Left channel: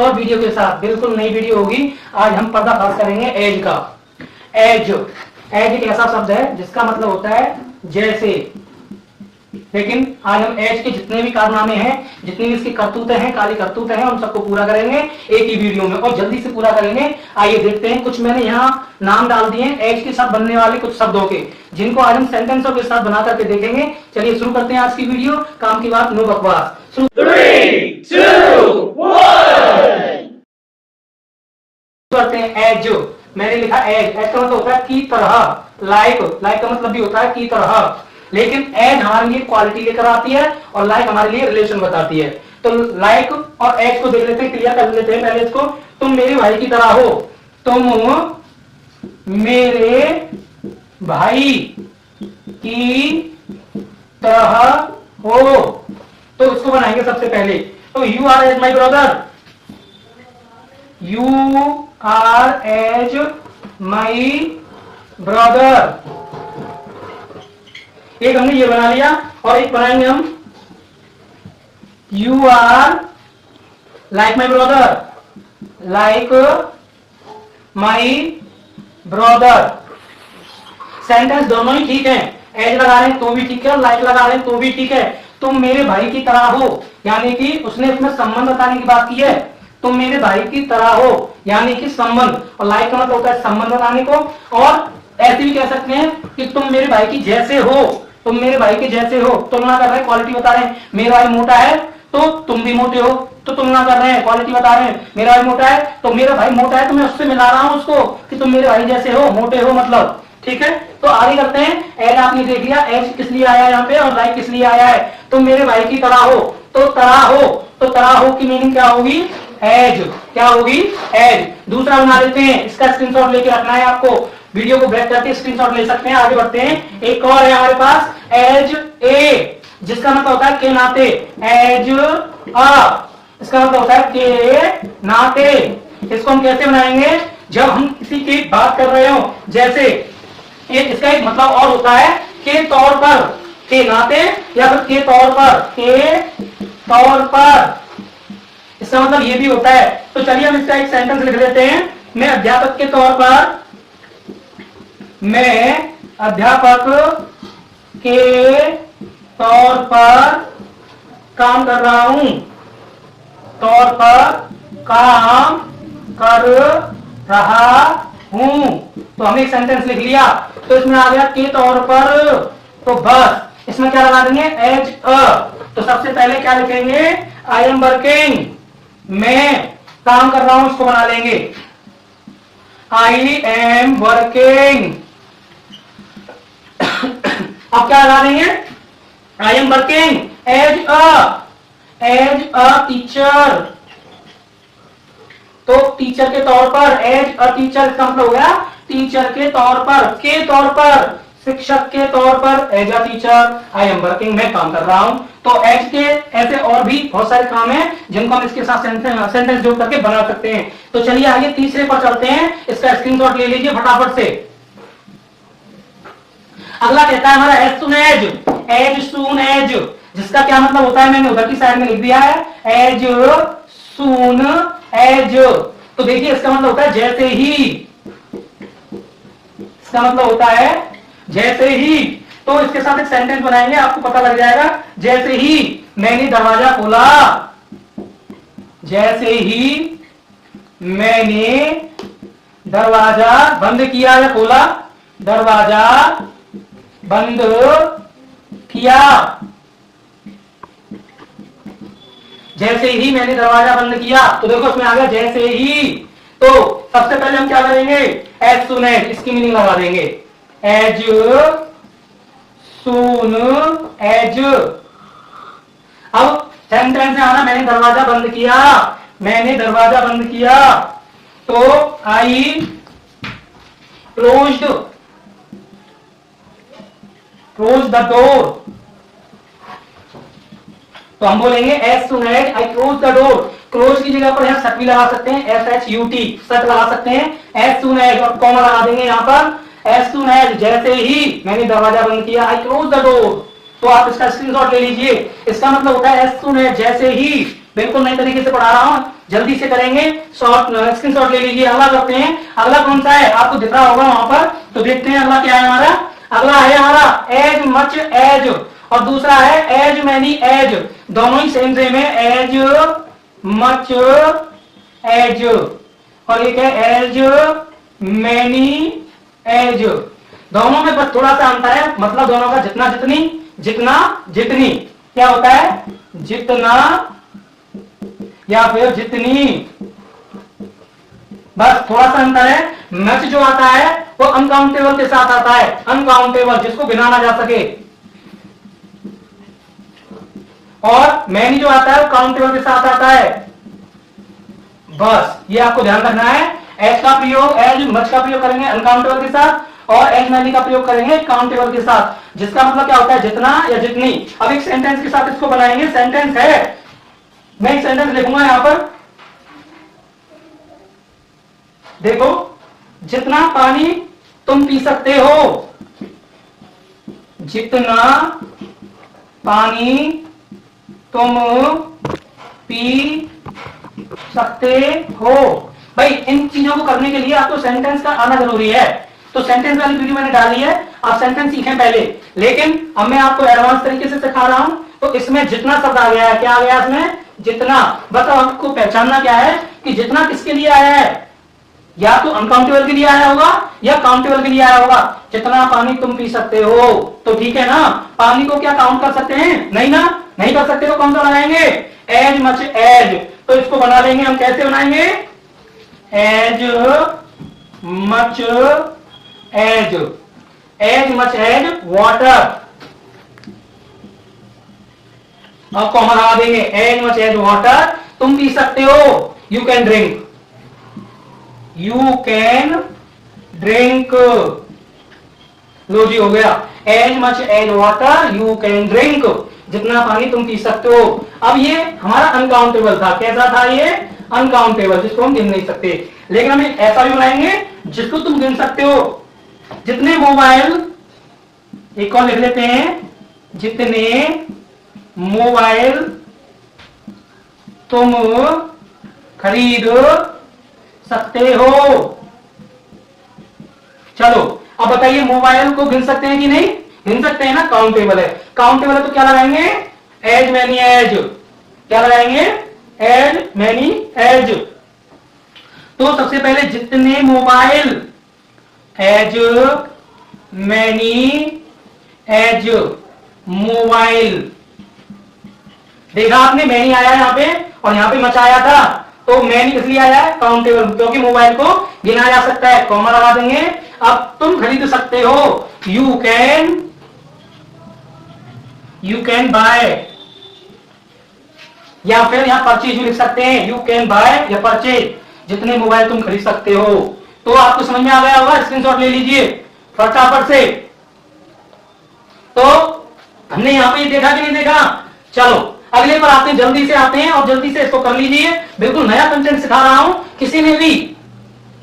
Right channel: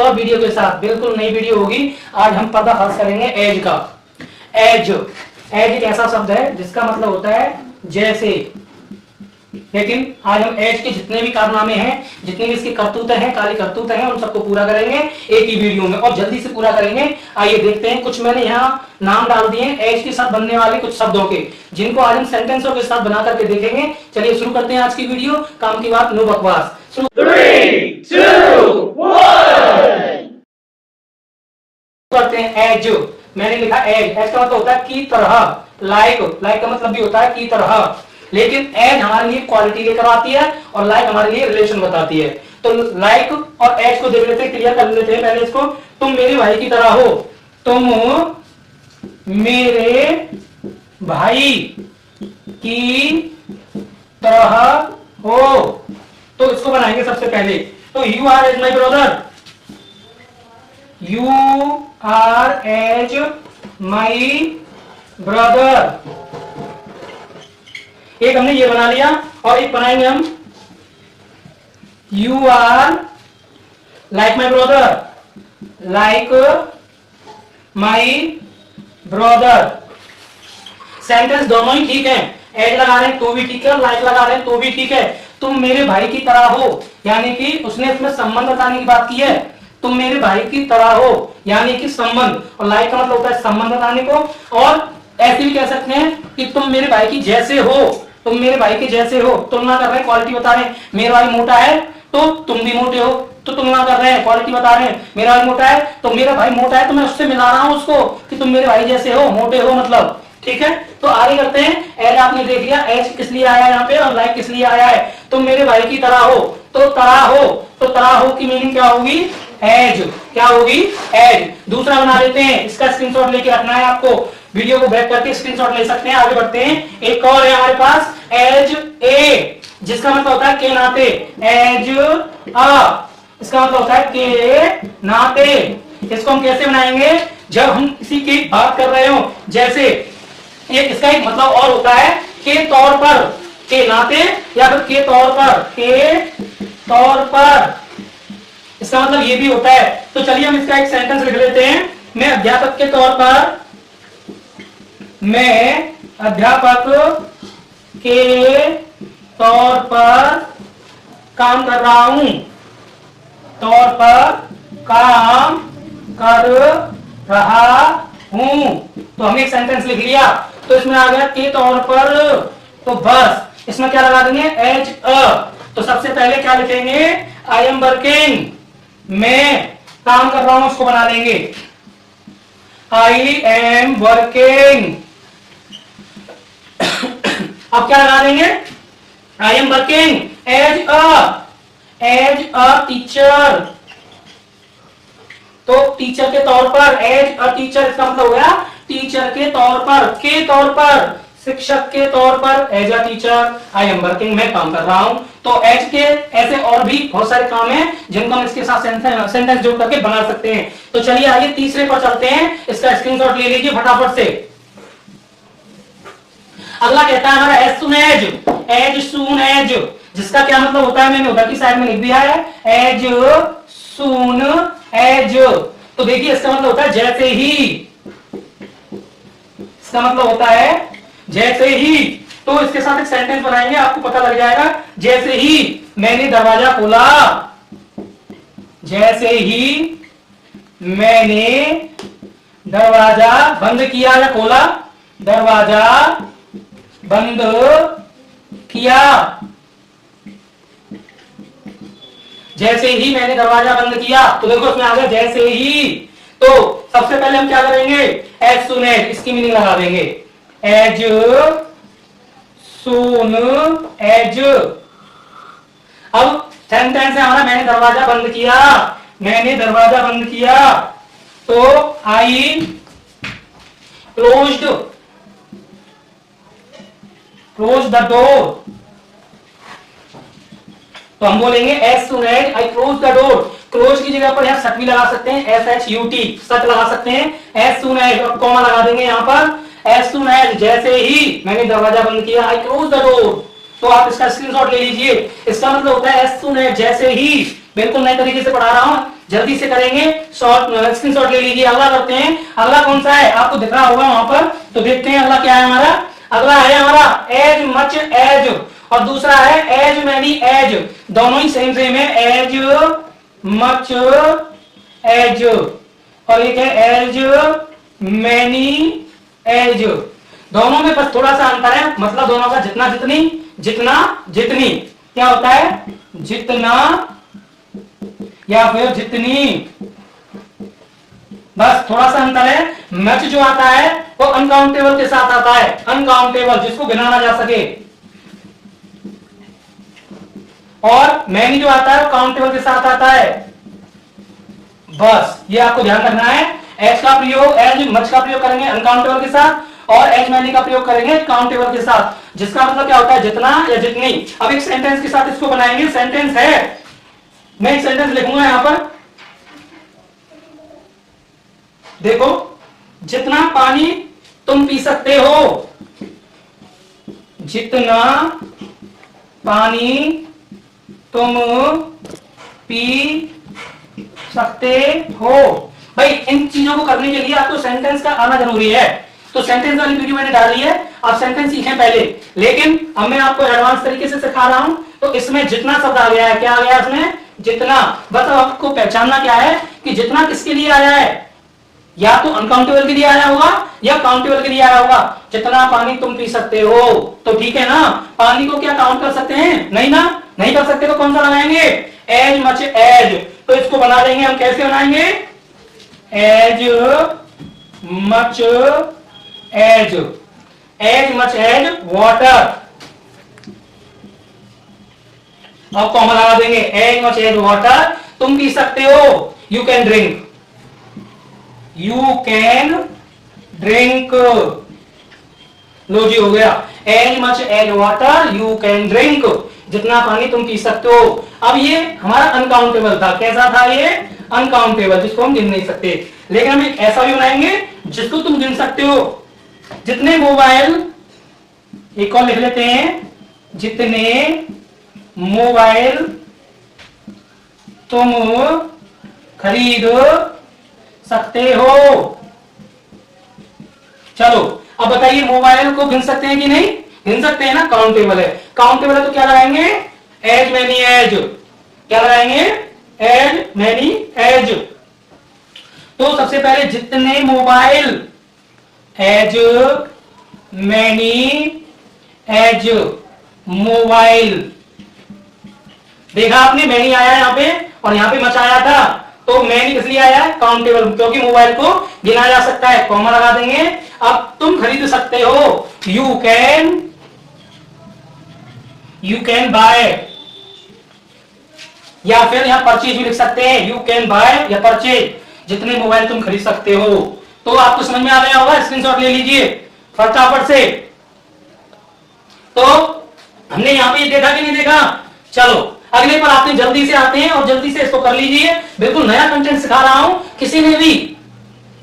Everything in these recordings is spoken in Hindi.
और वीडियो के साथ। बिल्कुल नई वीडियो होगी। आज हम पर्दाफाश करेंगे एज का। एज एक ऐसा शब्द है जिसका मतलब होता है जैसे, लेकिन आज हम एज के जितने भी कारनामे हैं, जितनी भी इसकी करतूतें हैं, काली करतूतें हैं, उन सबको पूरा करेंगे एक ही वीडियो में और जल्दी से पूरा करेंगे। आइए देखते हैं। कुछ मैंने यहाँ नाम डाल दिए एज के साथ बनने वाले कुछ शब्दों के, जिनको आज हम सेंटेंसों के साथ बना करके देखेंगे। चलिए शुरू करते हैं आज की वीडियो। काम की बात, नो बकवास। 3, 2, 1। करते हैं एज। मैंने लिखा एज। एज का मतलब होता है की तरह, लाइक। लाइक का मतलब भी होता है की तरह, लेकिन एज हमारे लिए क्वालिटी लेकर आती है और लाइक हमारे लिए रिलेशन बताती है। तो लाइक और एज को देख लेते हैं, क्लियर कर लेते हैं पहले इसको। तुम मेरे भाई की तरह हो। तुम मेरे भाई की तरह हो, तो इसको बनाएंगे सबसे पहले। तो you are as my brother. You are as my brother. एक हमने ये बना लिया और एक बनाएंगे हम you are like my brother. Like my brother. Sentence दोनों ही ठीक है। एज लगा रहे हैं तो भी ठीक है, लाइक लगा रहे हैं तो भी ठीक है। तुम मेरे भाई की तरह हो, यानी कि उसने इसमें संबंध बताने की बात की है। तुम मेरे भाई की तरह हो यानी कि संबंध, और लाइक का मतलब होता है संबंध बताने को। और ऐसे भी कह सकते हैं कि तुम मेरे भाई की जैसे हो। तुम मेरे भाई के जैसे हो, तुलना कर रहे हैं, क्वालिटी बता रहे हैं। मेरा भाई मोटा है तो तुम भी मोटे हो, तो तुलना कर रहे हैं, क्वालिटी बता रहे हैं। मेरा भाई मोटा है तो मेरा भाई मोटा है तो मैं उससे मिला रहा हूं उसको कि तुम मेरे भाई जैसे हो, मोटे हो मतलब। ठीक है, तो आगे करते हैं। एज आपने देख लिया, एज किस लिए आया है यहाँ पे और लाइक किस लिए आया है। तुम मेरे भाई की तरह हो, तो तरह हो, तो तरह हो की मीनिंग क्या होगी? एज। क्या होगी? एज। दूसरा बना देते हैं, इसका स्क्रीनशॉट लेके रखना है आपको। वीडियो को बैक करके स्क्रीनशॉट ले सकते हैं। आगे बढ़ते हैं। एक और है हमारे पास एज ए, जिसका मतलब होता है के नाते। एज अ, इसका मतलब होता है के नाते। इसको हम कैसे बनाएंगे? जब हम किसी की बात कर रहे हो, जैसे इसका एक मतलब और होता है के तौर पर, के नाते या फिर के तौर पर, के तौर पर। इसका मतलब ये भी होता है। तो चलिए हम इसका एक सेंटेंस लिख लेते हैं। मैं अध्यापक के तौर पर, मैं अध्यापक के तौर पर काम कर रहा हूं। तौर पर काम कर रहा हूं। तो हमने एक सेंटेंस लिख लिया। तो इसमें आ गया के तौर पर, तो बस इसमें क्या लगा देंगे? As a. तो सबसे पहले क्या लिखेंगे? I am working. मैं काम कर रहा हूं, उसको बना लेंगे आई एम वर्किंग। अब क्या लगा देंगे? I am working as a teacher. तो टीचर के तौर पर, एज अ टीचर, इसका मतलब हो गया टीचर के तौर पर, के तौर पर, शिक्षक के तौर पर। As a teacher I am working, मैं काम कर रहा हूं। तो एज के ऐसे और भी बहुत सारे काम हैं जिनको हम इसके साथ सेंटेंस जोड़ करके बना सकते हैं। तो चलिए आगे तीसरे पर चलते हैं। इसका स्क्रीनशॉट ले लीजिए फटाफट से। अगला कहता है हमारा as soon as. As soon as, जिसका क्या मतलब होता है मैंने उधर की साइड में लिख दिया है। एज सून एज, तो देखिए इसका मतलब होता है जैसे ही। इसका मतलब होता है जैसे ही। तो इसके साथ एक सेंटेंस बनाएंगे, आपको पता लग जाएगा। जैसे ही मैंने दरवाजा खोला, जैसे ही मैंने दरवाजा बंद किया या खोला, दरवाजा बंद किया। जैसे ही मैंने दरवाजा बंद किया, तो देखो उसमें आ गया जैसे ही। तो सबसे पहले हम क्या करेंगे? एज सून एज, इसकी मीनिंग लगा देंगे। As soon as. अब सेंटेंस है हमारा मैंने दरवाजा बंद किया। मैंने दरवाजा बंद किया, तो आई क्लोज्ड द डोर। तो हम बोलेंगे as soon as I close the door. Close की जगह पर यहां सट भी लगा सकते हैं, SHUT, सट लगा सकते हैं। एज सून एज और कॉमा लगा देंगे यहां पर। एज सून एज, जैसे ही मैंने दरवाजा बंद किया, आई क्लोज द डोर। तो आप इसका स्क्रीनशॉट ले लीजिए। इसका मतलब होता है एज सून एज, जैसे ही बिल्कुल नए तरीके से पढ़ा रहा हूं, जल्दी से करेंगे। शॉर्ट स्क्रीनशॉट ले लीजिए। अगला करते हैं। अगला कौन सा है आपको दिख रहा होगा वहां पर, तो देखते हैं अगला क्या है हमारा। अगला है हमारा एज मच एज, और दूसरा है एज मैनी एज। दोनों ही सेम सेम है, एज मच एज, और एक है एज मैनी एज। दोनों में बस थोड़ा सा अंतर है, मतलब दोनों का जितना जितनी जितना जितनी क्या होता है, जितना या फिर जितनी, बस थोड़ा सा अंतर है। मच जो आता है वो अनकाउंटेबल के साथ आता है, अनकाउंटेबल जिसको गिना ना जा सके, और मैनी जो आता है वो काउंटेबल के साथ आता है। बस ये आपको ध्यान रखना है। एज का प्रयोग, एज मच का प्रयोग करेंगे अनकाउंटेबल के साथ, और एज मैनी का प्रयोग करेंगे काउंटेबल के साथ, जिसका मतलब क्या होता है, जितना या जितनी। अब एक सेंटेंस के साथ इसको बनाएंगे। सेंटेंस है, मैं एक सेंटेंस लिखूंगा यहां पर, देखो, जितना पानी तुम पी सकते हो, जितना पानी तुम पी सकते हो। भाई इन चीजों को करने के लिए आपको सेंटेंस का आना जरूरी है। तो सेंटेंस वाली वीडियो मैंने डाली है, आप सेंटेंस सीखें पहले, लेकिन अब मैं आपको एडवांस तरीके से सिखा रहा हूं। तो इसमें जितना शब्द आ गया है, क्या आ गया इसमें, जितना। बस आपको पहचानना क्या है कि जितना किसके लिए आया है, या तो अनकाउंटेबल के लिए आया होगा या काउंटेबल के लिए आया होगा। जितना पानी तुम पी सकते हो, तो ठीक है ना। पानी को क्या काउंट कर सकते हैं, नहीं ना, नहीं कर सकते, तो कौन सा बनाएंगे, एज मच एज। तो इसको बना देंगे हम, कैसे बनाएंगे, as much as, as much as water. अब कॉमन लगा देंगे, एज मच एज वाटर तुम पी सकते हो, you can drink, you can drink. लो जी हो गया, as much as water you can drink, जितना पानी तुम पी सकते हो। अब ये हमारा अनकाउंटेबल था, कैसा था ये, अनकाउंटेबल, जिसको हम गिन नहीं सकते। लेकिन हम एक ऐसा भी बनाएंगे जिसको तुम गिन सकते हो। जितने मोबाइल, एक और लिख लेते हैं, जितने मोबाइल तुम खरीद सकते हो। चलो अब बताइए, मोबाइल को गिन सकते हैं कि नहीं, गिन सकते हैं ना, काउंटेबल है। काउंटेबल है तो क्या लगाएंगे, एज मैनी एज, क्या लगाएंगे, एज मैनी एज। तो सबसे पहले जितने mobile, as many as mobile. देखा आपने, मैनी आया यहां पे और यहां पे मच आया था, तो मैनी इसलिए आया है काउंटेबल, क्योंकि मोबाइल को गिना जा सकता है, कॉमा लगा देंगे। अब तुम खरीद सकते हो, यू कैन बाय, या फिर यहां परचेज भी लिख सकते हैं, यू कैन बाय या परचेज, जितने मोबाइल तुम खरीद सकते हो। तो आपको समझ में आ गया होगा, स्क्रीनशॉट ले लीजिए फटाफट से। तो हमने यहां पे देखा कि नहीं देखा। चलो अगले पर आते हैं, जल्दी से आते हैं और जल्दी से इसको कर लीजिए। बिल्कुल नया कंटेंट सिखा रहा हूं, किसी ने भी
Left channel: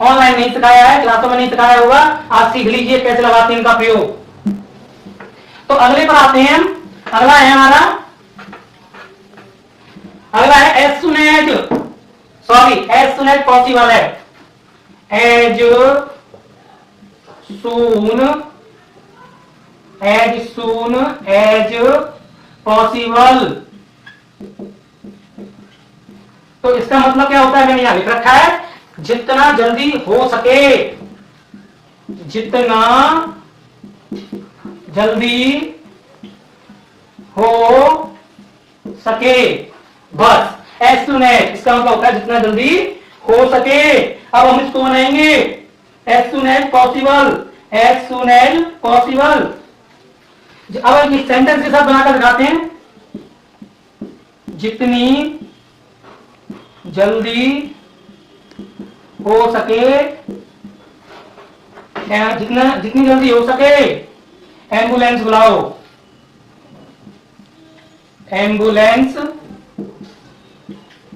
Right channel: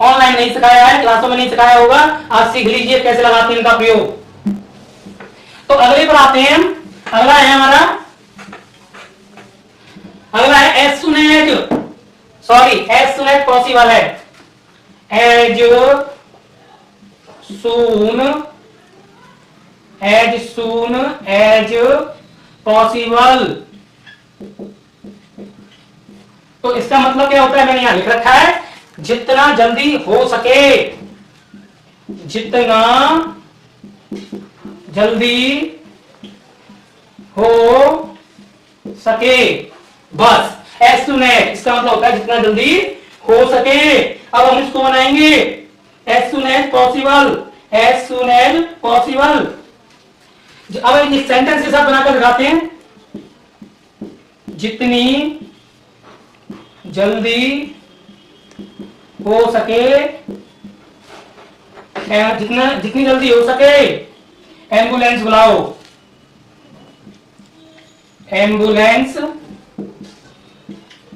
ऑनलाइन नहीं सिखाया है, क्लासों में नहीं सिखाया होगा, आज सीख लीजिए कैसे लगाते हैं इनका प्रयोग। तो अगले पर आते हैं, अगला है हमारा, अगला है as soon as, sorry as soon as possible है, एज सून एज पॉसिबल। तो इसका मतलब क्या होता है, मैंने यहां लिख रखा है, जितना जल्दी हो सके, जितना जल्दी हो सके, बस एज सून एज, इसका मतलब होता है जितना जल्दी हो सके। अब हम इसको बनाएंगे, as soon as possible, as soon as possible. अब इस सेंटेंस के साथ बनाकर दिखाते हैं, जितनी जल्दी हो सके, जितनी जल्दी हो सके एम्बुलेंस बुलाओ, एम्बुलेंस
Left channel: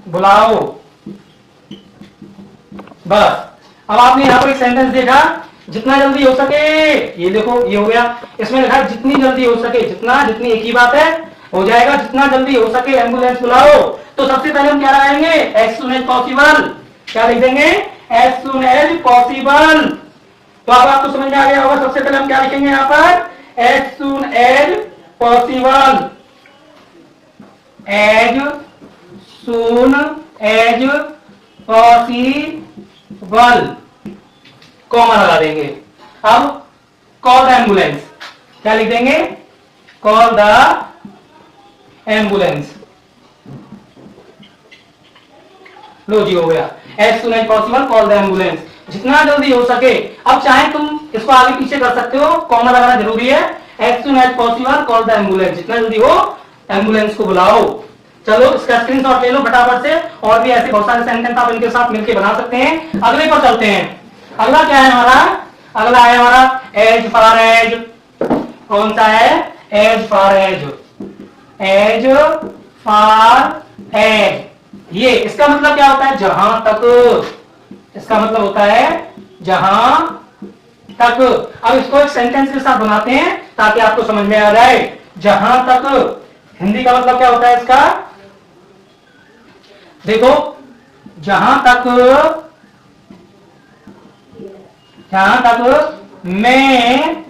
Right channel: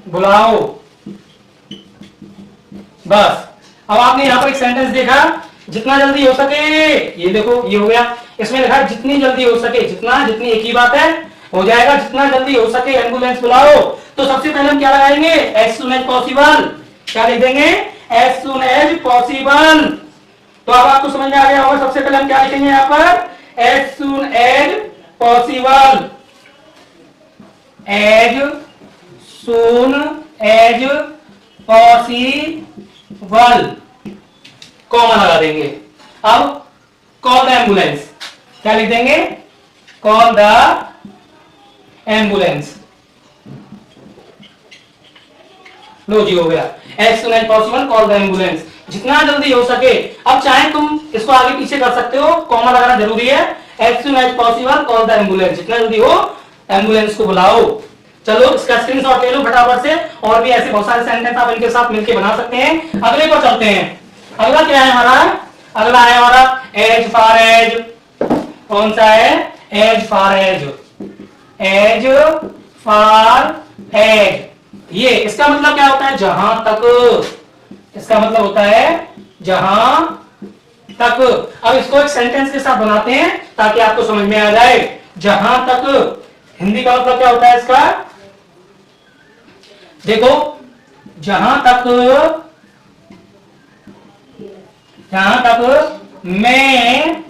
बुलाओ। बस अब आपने यहां पर एक सेंटेंस देखा, जितना जल्दी हो सके, ये देखो ये हो गया, इसमें लिखा है जितनी जल्दी हो सके, जितना जितनी एक ही बात है, हो जाएगा, जितना जल्दी हो सके एम्बुलेंस बुलाओ। तो सबसे पहले हम क्या लगाएंगे, एज सुन एज पॉसिबल। क्या लिख देंगे, एज सुन एज पॉसिबल। तो अब आपको समझ में आ गया होगा, सबसे पहले हम क्या लिखेंगे यहां पर, as soon as possible, as soon as possible, comma लगा देंगे। अब कॉल द एम्बुलेंस, क्या लिख देंगे, कॉल द एम्बुलेंस। लो जी, हो गया, as soon as possible call the ambulance, जितना जल्दी हो सके। अब चाहे तुम इसको आगे पीछे कर सकते हो, कॉमा लगाना जरूरी है। As soon as possible call the ambulance, जितना जल्दी हो एम्बुलेंस को बुलाओ। चलो इसका स्क्रीनशॉट ले लो फटाफट से, और भी ऐसे बहुत सारे सेंटेंस आप इनके साथ मिलकर बना सकते हैं। अगले पर चलते हैं। अगला क्या है हमारा, अगला है हमारा एज फार एज। कौन सा है, as far as, as far as. ये इसका मतलब क्या होता है, जहां तक, इसका मतलब होता है जहां तक। अब इसको एक सेंटेंस के साथ बनाते हैं ताकि आपको समझ में आ जाए। जहां तक हिंदी का मतलब क्या होता है इसका, देखो, जहां तक मैं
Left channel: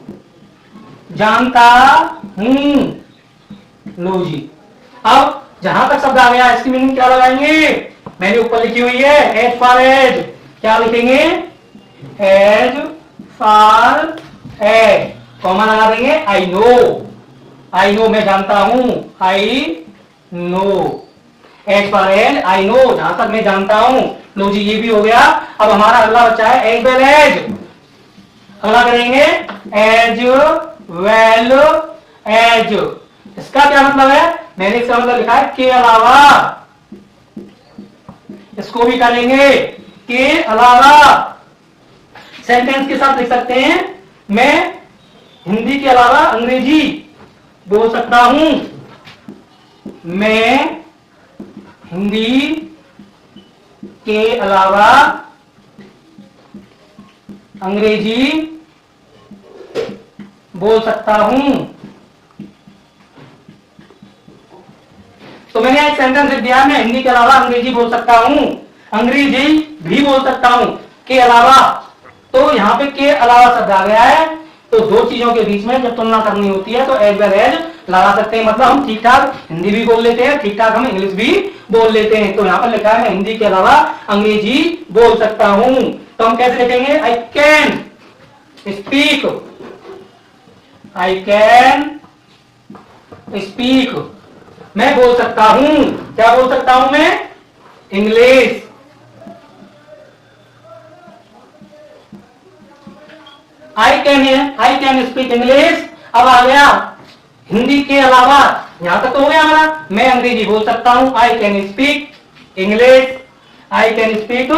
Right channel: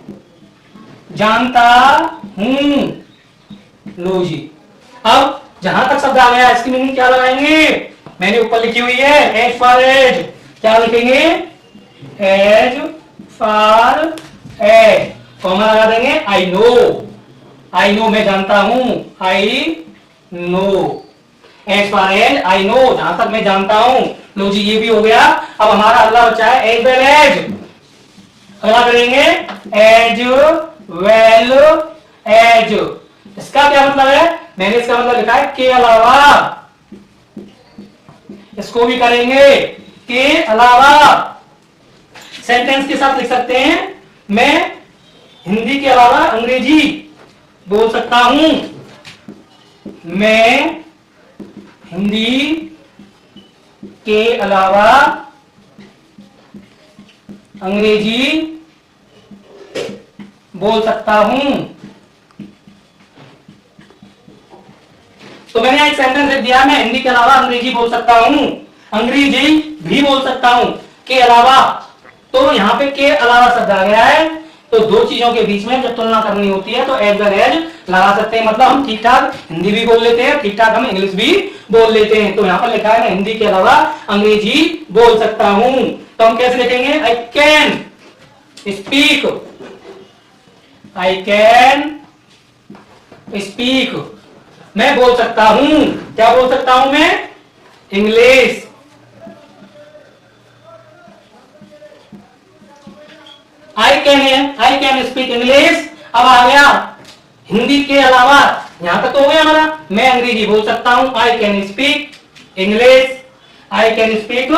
जानता हूं। लो जी, अब जहां तक शब्द आ गया, इसकी मीनिंग क्या लगाएंगे, मैंने ऊपर लिखी हुई है, एज फार एज। क्या लिखेंगे, एज फार एज, कॉमा लगा देंगे, आई नो, आई नो मैं जानता हूं, I know, as far as I know, जहां तक मैं जानता हूं। लो जी, ये भी हो गया। अब हमारा अगला बचा है एज वेल एज। अगला करेंगे एज वेल एज। इसका क्या मतलब है, मैंने इसका मतलब लिखा है के अलावा। इसको भी करेंगे के अलावा, सेंटेंस के साथ लिख सकते हैं, मैं हिंदी के अलावा अंग्रेजी बोल सकता हूं, मैं हिंदी के अलावा अंग्रेजी बोल सकता हूं। तो मैंने एक सेंटेंस लिख दिया, मैं हिंदी के अलावा अंग्रेजी बोल सकता हूं, अंग्रेजी भी बोल सकता हूं, के अलावा। तो यहां पे के अलावा शब्द आ गया है, तो दो चीजों के बीच में जब तुलना करनी होती है तो एज वेल एज लगा सकते हैं। मतलब हम ठीक ठाक हिंदी भी बोल लेते हैं, ठीक ठाक हम इंग्लिश भी बोल लेते हैं। तो यहां पर लिखा है मैं हिंदी के अलावा अंग्रेजी बोल सकता हूं। तो हम कैसे लिखेंगे, आई can speak, I can speak, मैं बोल सकता हूं। क्या बोल सकता हूं मैं, English. I can speak English. अब आ गया हिंदी के अलावा, यहां तक तो हो गया हमारा, मैं अंग्रेजी बोल सकता हूं, I can speak English, I can speak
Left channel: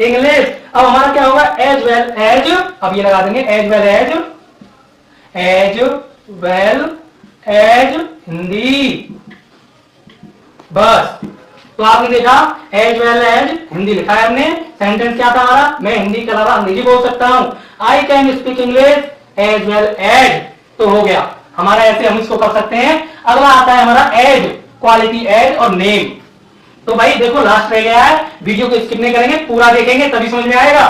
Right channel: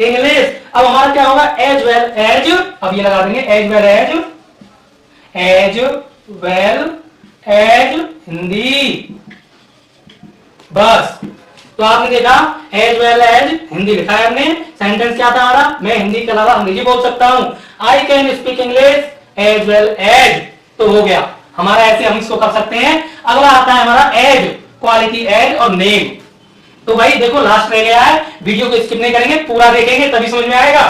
English. अब हमारा क्या होगा, एज वेल एज। अब ये लगा देंगे as well as, as well as Hindi, बस। तो आपने देखा एज वेल एज हिंदी लिखा है हमने। सेंटेंस क्या था हमारा, मैं हिंदी के अलावा अंग्रेजी बोल सकता हूं, I can speak English as well as. तो हो गया हमारा, ऐसे हम इसको कर सकते हैं। अगला आता है हमारा एज, क्वालिटी एज और नेम। तो भाई देखो लास्ट रह गया है, वीडियो को स्किप नहीं करेंगे, पूरा देखेंगे तभी समझ में आएगा।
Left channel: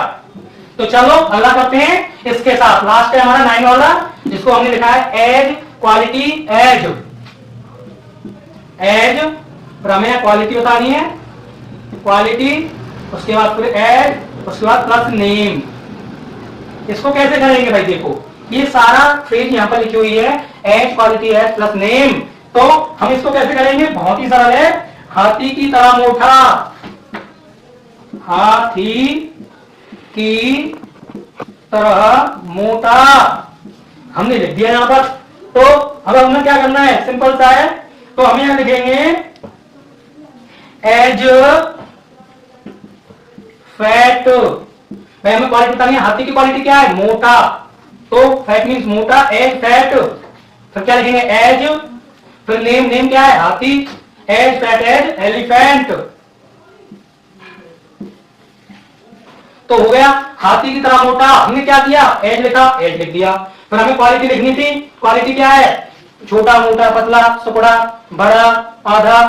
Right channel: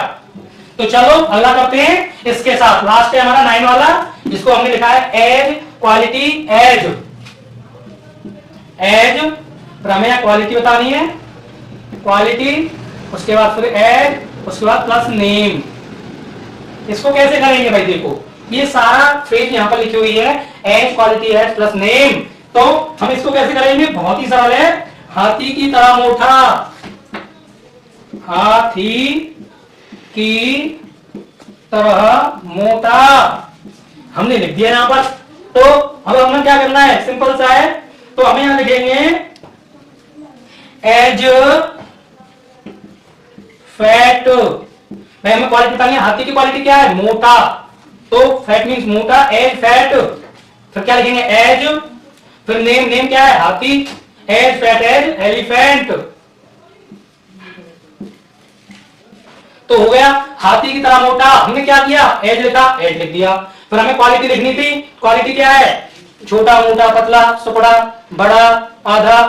तो चलो अगला करते हैं इसके साथ। लास्ट है हमारा 9 वाला, जिसको हमने लिखा है as quality as. As per हमें क्वालिटी बतानी है, क्वालिटी, उसके बाद फिर एज, उसके बाद प्लस नेम। इसको कैसे करेंगे भाई, देखो ये सारा फ्रेज यहां पर लिखी हुई है, as quality as plus name. तो हम इसको कैसे करेंगे, बहुत ही सरल है, हाथी की तरह मोटा, हाथी की तरह मोटा हमने लिख दिया यहां पर। तो अब हमें क्या करना है, सिंपल सा है। तो हम यहां लिखेंगे एज फैट। भाई हमें क्वालिटी बतानी है, हाथी की क्वालिटी क्या है, मोटा, तो फैट मीन्स मोटा, एज फैट। फिर क्या लिखेंगे, एज, फिर नेम, नेम क्या है, हाथी, एज फैट एज एलिफेंट। तो हो गया हाथी की तरह मोटा, हमने क्या किया, एज लिखा, एज लिख दिया। फिर हमें क्वालिटी लिखनी थी, क्वालिटी क्या है, छोटा, मोटा, पतला, सुपड़ा, बड़ा, आधा।